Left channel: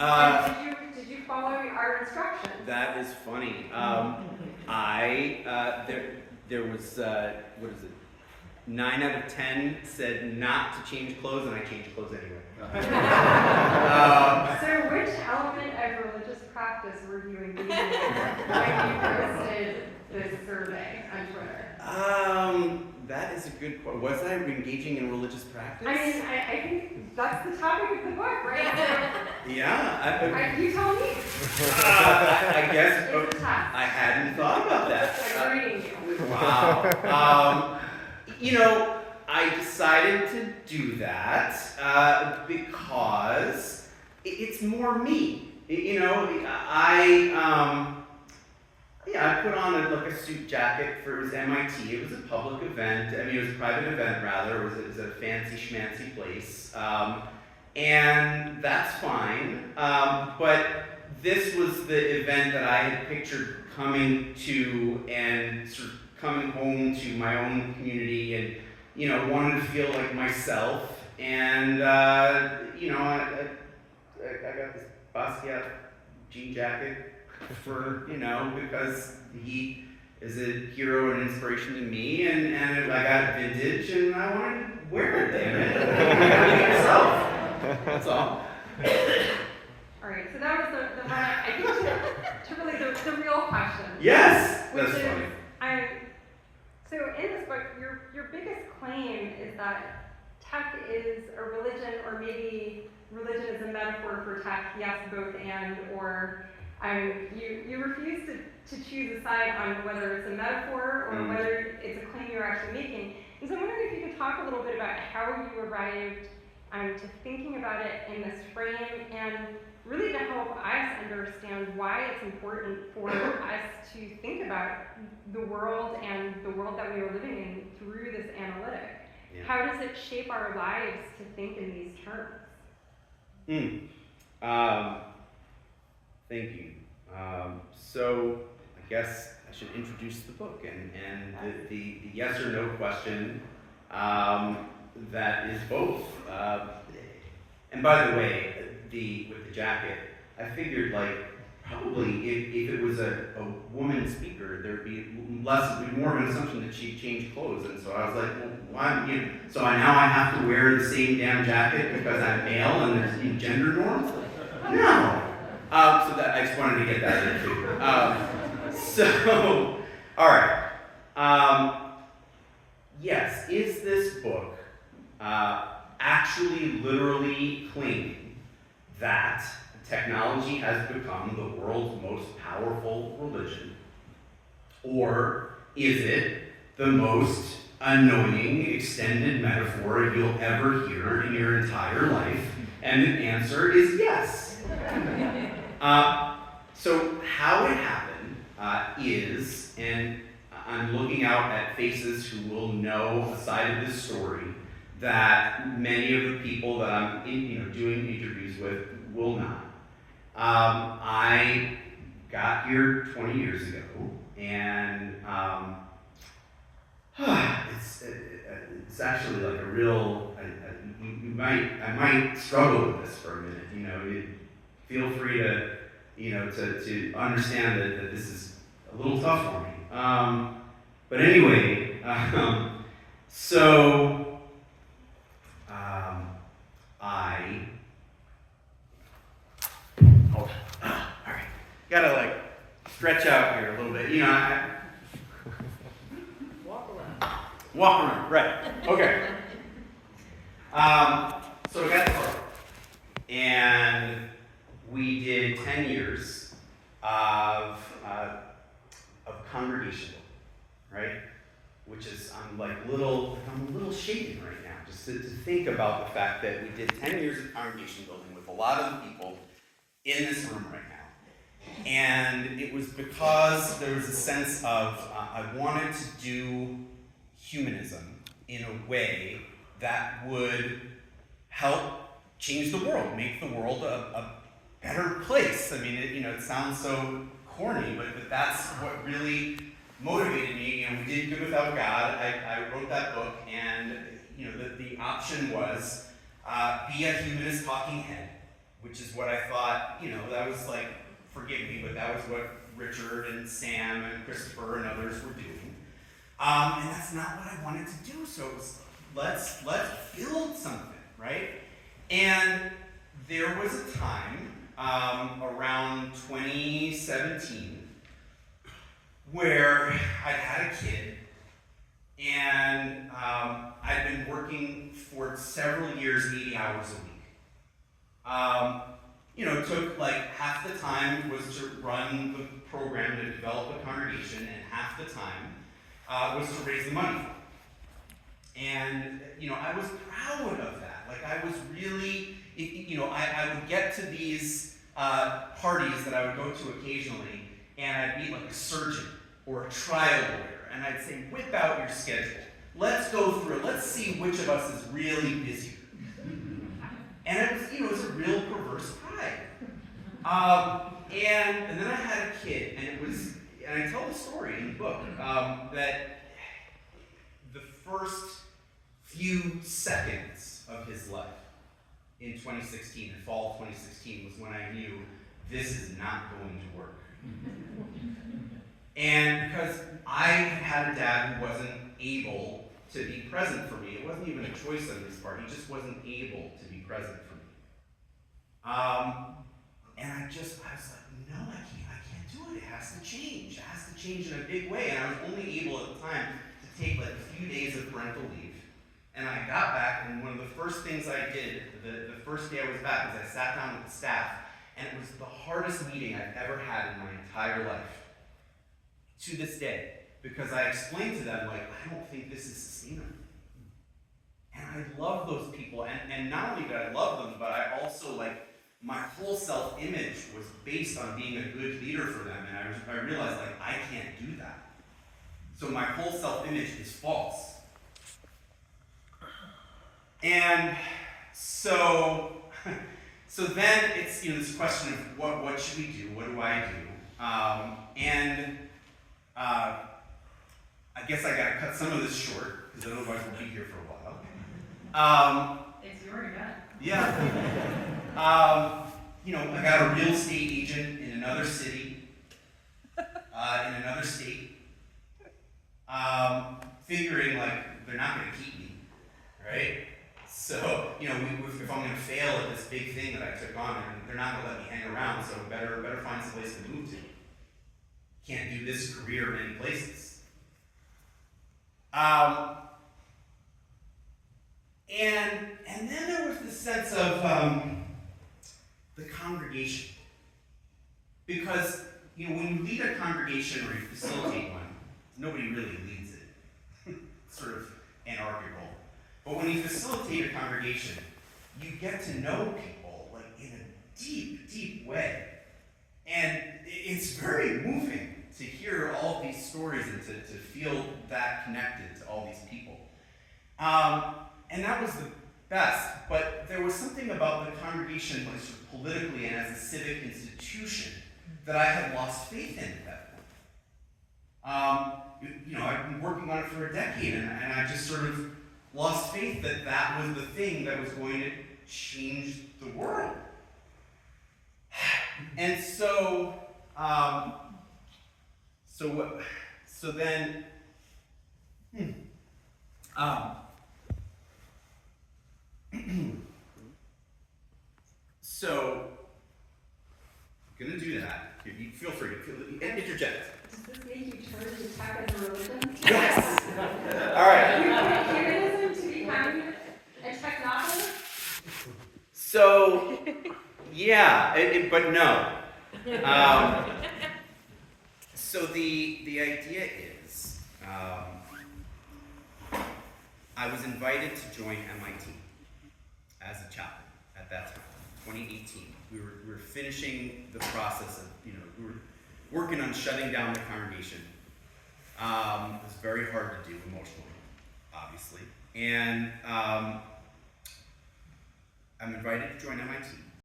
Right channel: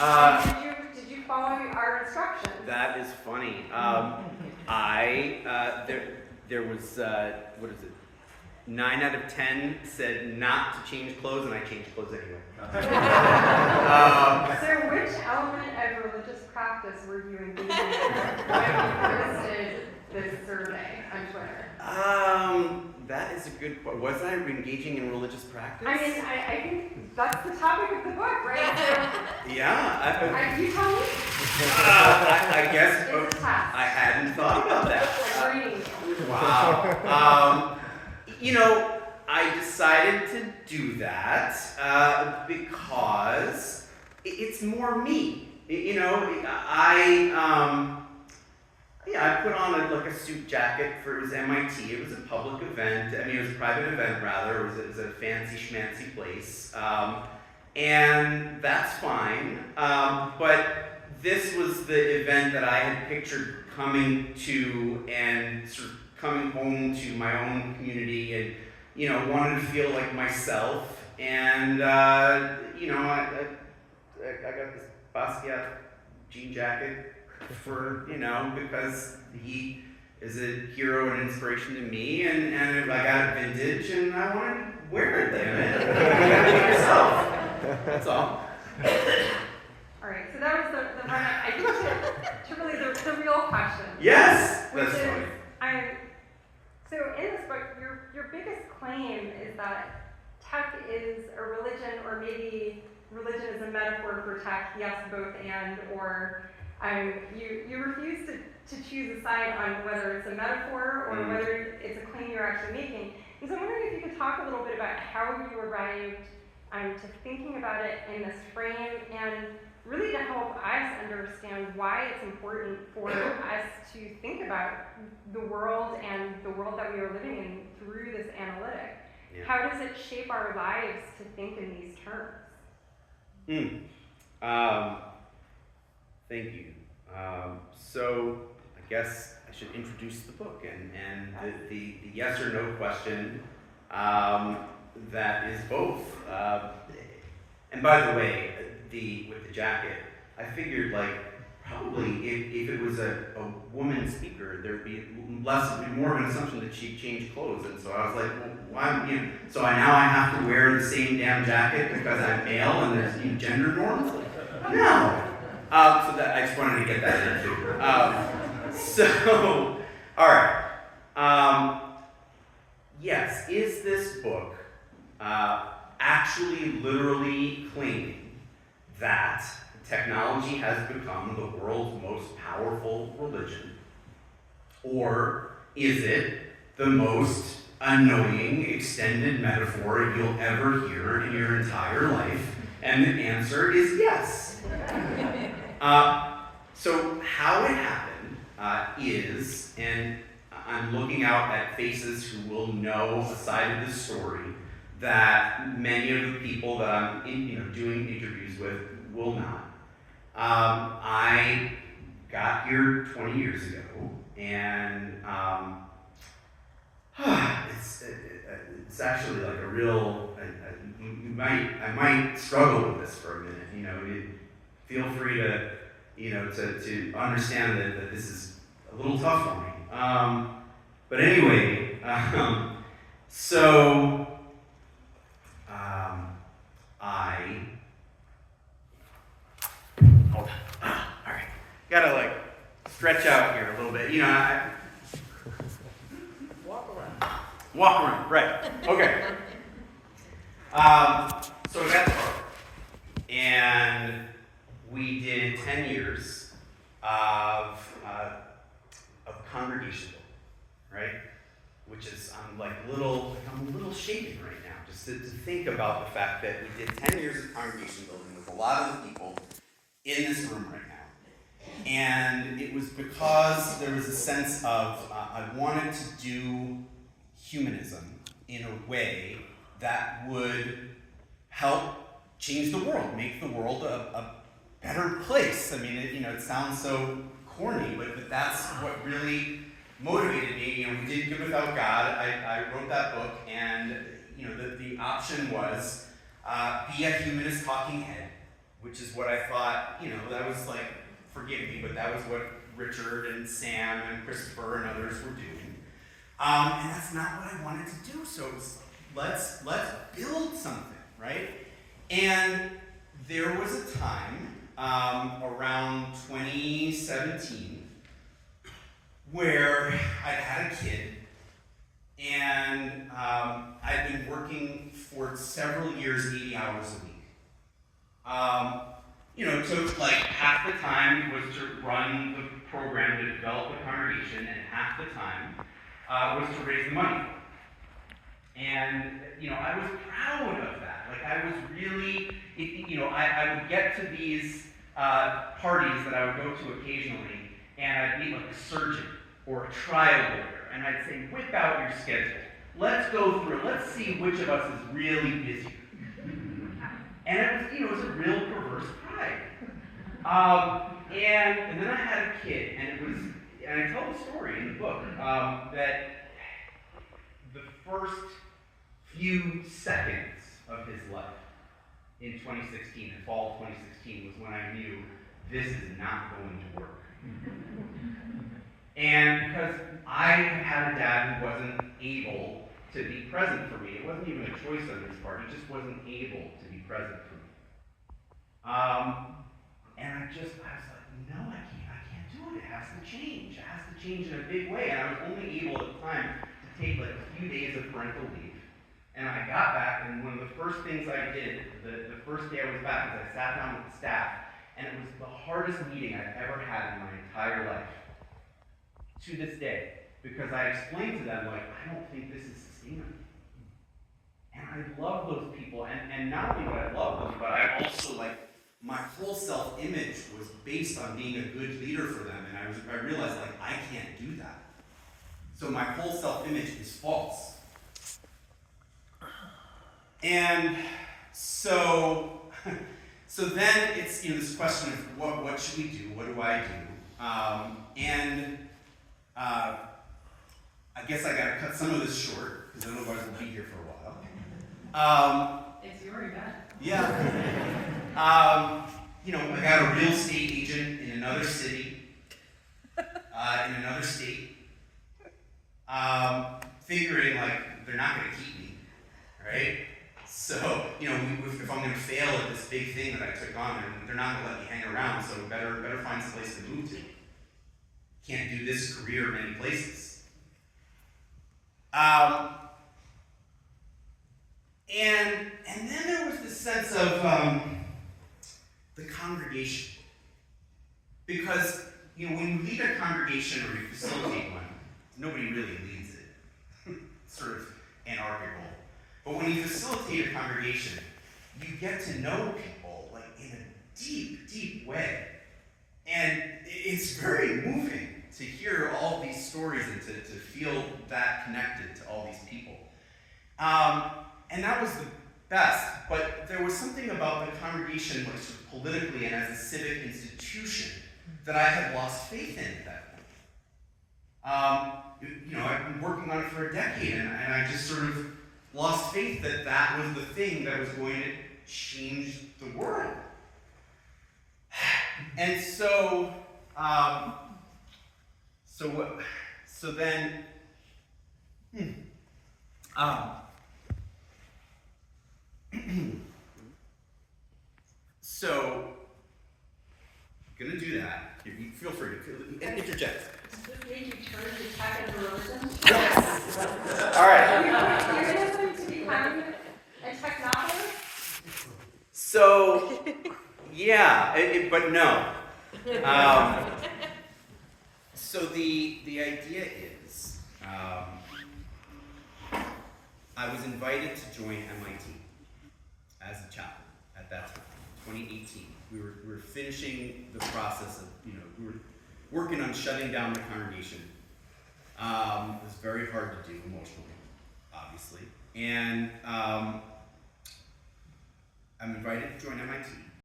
Did you follow our instructions? That is funny. There was, what is it? 9 out of 10 said not to change clothes, and I changed clothes anyway. So which element of religious practice were you engaging in when you posted this survey on Twitter? That is a good question. Was I engaging in religious practice? I mean, I think that's the topic of the book, right? Yeah. You tell me. I guess It's a test. I hadn't thought about that. I'm reading you. Wow. I decided to do that because it's more me. I put on a suit jacket it was MIT. It was a public event. I mean, it was a private event rather. It was a fancy schmancy place. And that's fine. But this was the event that I had pictured coming to and sort of coming home to my own community and, wanted to feel like myself. And, I got this Basquiat jean jacket for, because he is a hero and inspiration to me, and I got it vintage, and I wanted to wear it, damn it. I gotta be myself. That's all. All right, so that was the one I think to really the real question. Yes, that's funny. So in this book, your biggest claim is that tech is a religion, or maybe religion is a metaphor for tech. Yes, both and, or you refuse to choose a side on whether it's a metaphor or whether it's a claim you're actually making. And so I'm wondering if you could talk a little bit about how you arrived to thinking about it in this frame, and really to help us understand why it's important for us to think about the world and the world that we are living in through this analytic. Yeah. How does it shape our lives to think in these terms? Thank you. So I guess I should introduce the book and the yes or no question that is both. And by the way, with the jacket, I figured probably if it was a woman speaker, there'd be more of an assumption that she'd change clothes, and so I was like, well, why? So now I have to wear the same damn jacket because I'm male and there's gender norms? No. So that I just wanted to get that in too. All right. Yes, is this book actually literally claiming that technology has become the world's most powerful religion? Or is it the most annoying extended metaphor you'll ever hear in your entire life? And the answer is yes. So how it happened is, and I'm looking out at faces who will know a side of this story that many of the people that I'm doing interviews with will not. I got here 20 years ago, and it's actually like a real. I might struggle with this for a minute. Feel free to to understand that this is a little tough for me. But anyway, so. Hold on. All right. Gotta stretch out here a little bit. Walk around. Right. Okay. So I got the book, and we did 10 years of congregation building, right? Which is I'm a little shaken right now just to think about the fact that we did 10 years of congregation building with a lot of the people in this room right now. And it was because there was a sense of I wanted to do humanism in a way that would help change the world, make the world a better place. I mean, it sounds so corny, but that's what really motivated me. We did Good Without God. I wrote that book, and the option was be a humanist talking head, which is what I thought, that was like, forgive me, but that was what Richard and Sam and Christopher and others were doing. And that's not what I wanted to do. So it was, let's build something, right? And there was a time around 2017 where I'd had a kid, and I'd been working for several years, 80 hours a week. It took like half the time was to run the program to develop a congregation, and half the time was to raise the money for it. And, I was proud of that. Like, I was really, I would get to these parties that I would go to occasionally, and I'd meet like a surgeon or a trial lawyer, and I'd say, whip out your schedule. Let's go through it. Let's see which of us is really busy. And it was a real perverse pride. And then I had a kid, and I tell the story in the book, that the first few seconds of his life in 2016, in fall of 2016, was when I knew this is not going to work. And because I had a dad who wasn't able to be present for me, it wasn't even a choice on his part, he just wasn't able to be present for me. And I was like, no, I can't do it. It has to change. It has to change in a big way. And I was only able at the time to take like a few days of parental leave. And I got back, and one of the first things I did, the first day I was back, was I sat down with the staff, and it was the hardest meeting I've ever had in my entire life, to this day, because I explained to them, like, I don't think this is sustainable. And I love those people, and not only did I love them, but I also, like, my whole self-image was based on being a good leader for them, and I realized, like, I can't do that. So my whole self-image is false. And so then it's this question of what should we do? What do I do? I guess I gotta cut some of this short because otherwise we'll be here for a while. It's your event. Yeah. I got a real estate agent in another city, in another state, figuring like they're not gonna keep me, right? So, if I'm going to fail at this big thing that I took on, and they're not going to let me hang around, so better find some place to move to. Can't do this career many places. And then there was this sense of the congregation. Because, when you lead a congregation or you facilitate one, nobody really leads it. It's sort of anarchical. But when you facilitate a congregation, you get to know people like in a deep, deep way. And it's very moving to hear all of these stories and to feel that connected to all these people. And that was the best, but there was something about the congregation, like sort of politically and as a civic institution, that I had lost faith in at that point. I've been working on it for a decade, and I just sort of lost faith that was the thing that was going to change the world. And so then, gonna do that. You feel free to interject. Does this make you turn to tech as a religion? Yes! All right. You're going to become a technophile? So, yeah, but no. So the idea is, I was invited to join MIT as a chaplain at that time, 2018. We were finishing the process of, we were working on shutting down the congregation. It was very hard to do emotionally, obviously. And I'm invited to join MIT.